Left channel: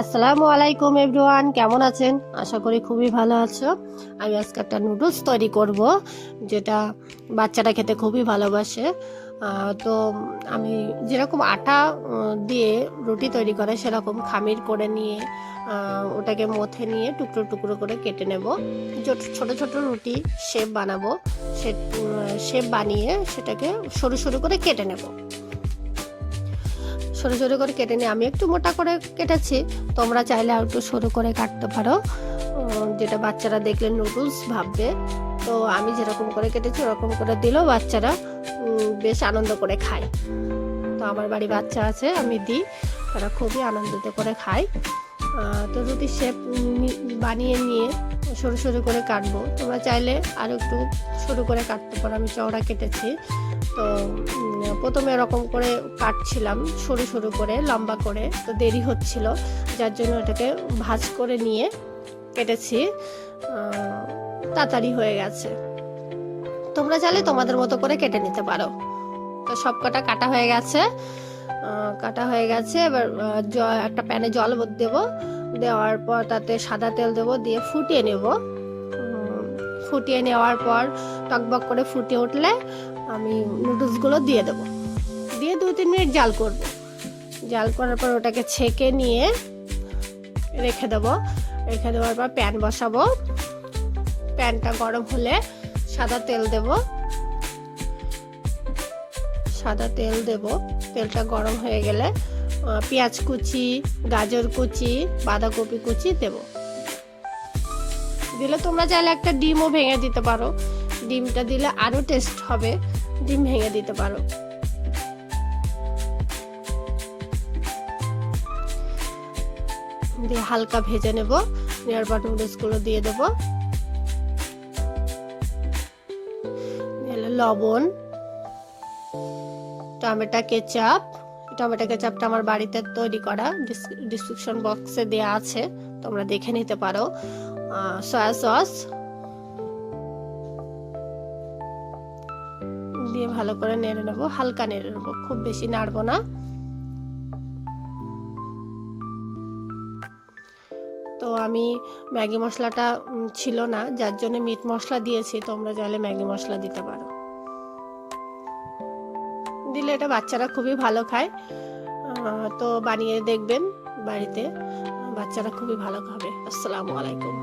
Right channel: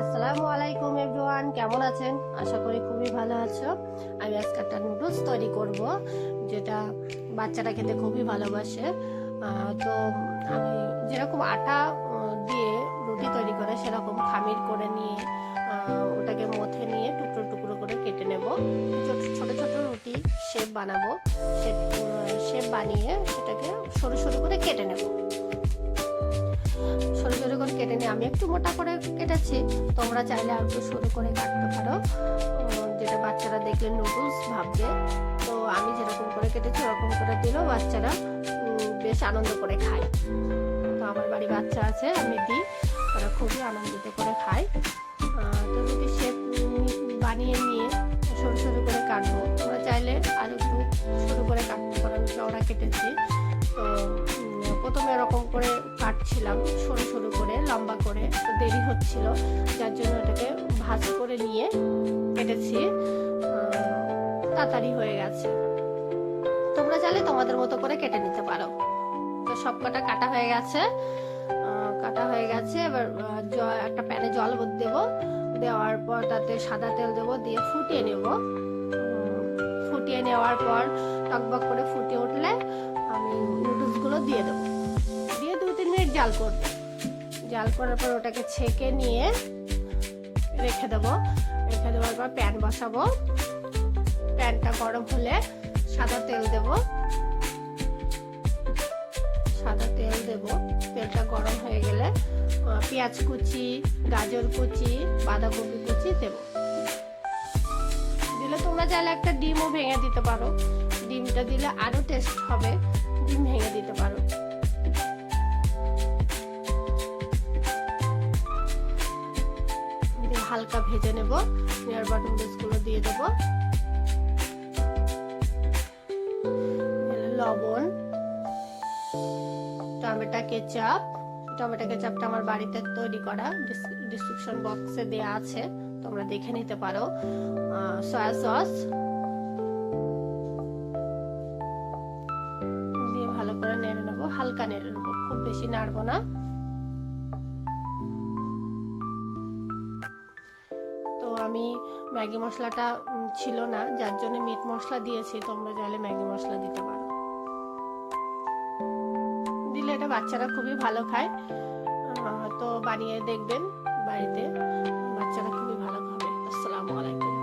আসসালামু আলাইকুম এভরিওয়ান, কেমন আছেন? আশা করি খুবই ভালো আছো। আমি আজকে একটা নুডলস তৈরি করব, যেটা বাচ্চারা খেতে খুবই ভালোবাসে। তো আমি যেরকম আটা দিয়ে রুটি তৈরি করে সেরকম খামির করে নিয়ে ওটাকে মথে নিয়ে টুকরো টুকরো করে কেটে নেব। ছোট ছোট রুটি শেপ বানাবো। শেপ বানিয়ে সেটাকে সরু সরু করে কেটে নেব। সরু সরু করে কেটে নিয়ে আমি একটু মোটা করে কেটেছি, তোমরা চাইলে আর একটু সরু করে কাটতে পারো, যেটা বাচ্চারা দেখলে নুডলস ভাববে। তো আমি যেরকম করে কেটেছি ওরকম করে দিলেও বাচ্চারা বেশ আনন্দ করে খায়। তো আমার বাড়ি বাচ্চা আছে, আমি দিই, তারা খুবই আনন্দিত করে খায়। তো রুটি শেপ বানিয়ে নিয়ে সরু সরু করে কাটবো। তোমরা চাইলে আরও একটু সরু করে কাটতে পারো, আমি চওড়া কেটেছি। তো প্রথমে এরকম করে কাটছিলাম সরু সরু করে, লম্বা করে, তো দেরি হচ্ছিল, যার জন্য এটাকে ভাঁজ করে নিয়ে কেটেছি। তাড়াতাড়ি হয়ে গেছে। তোমরা চাইলে তোমাদের মতো করে কেটে নিতে পারো। তো সব কাটা হয়ে গেছে। এবার একটা প্যানে জল দেবো, দেওয়ার পর তাতে সাদা তেল দেবো, দিয়ে ফুটিয়ে নেব। ফুটিয়ে নেওয়ার পর টকবক করে ফুটে উঠলে আমি নুডলসগুলো দিয়ে দেবো, দিয়ে 2-3 মিনিট জাল করব। জাল করার পর ওটাকে ছেঁকে নিয়ে রেখে দেবো। রেখে দেওয়ার পর প্যান বসাবো। প্যানটা গরম হলে সাদা তেল দেব। তেলটা গরম হয়ে গেলে পেঁয়াজ কুচি, গাজর কুচি, বাঁধাকপি কুচি দেব। দিলে তোমরা চাইলে একটা ডিমও ভেঙে দিতে পারো, ডিমটা দিলে আরো টেস্ট হবে, ডিম ভেঙে দিতে পারো। দিয়ে হালকা ভেজে নেব। নেওয়ার পর নুডলসগুলো দিয়ে দেব। লবণ, টমেটো কেচাপটা আমার বাড়িতে তৈরি করা, ডিসক্রিপশন বক্সে দেয়া আছে, তোমরা দেখে নিতে পারো। সয়া সস দিয়ে ভালো করে নেড়ে নেব, হালকা নেড়ে নেব, খুব বেশি নাড়বো না। তো আমি ম্যাগি মশলাটা ছিল না, যার জন্য মিট মশলা দিয়েছি, তোমরা চাইলে ম্যাগি মশলা দিতে পারো। দিলে এটা বাচ্চারা খুবই ভালো খায়। তো বানিয়ে দেখবেন বাড়িতে, বাচ্চারা খুবই ভালো খাবে। আসসালামু আলাইকুম।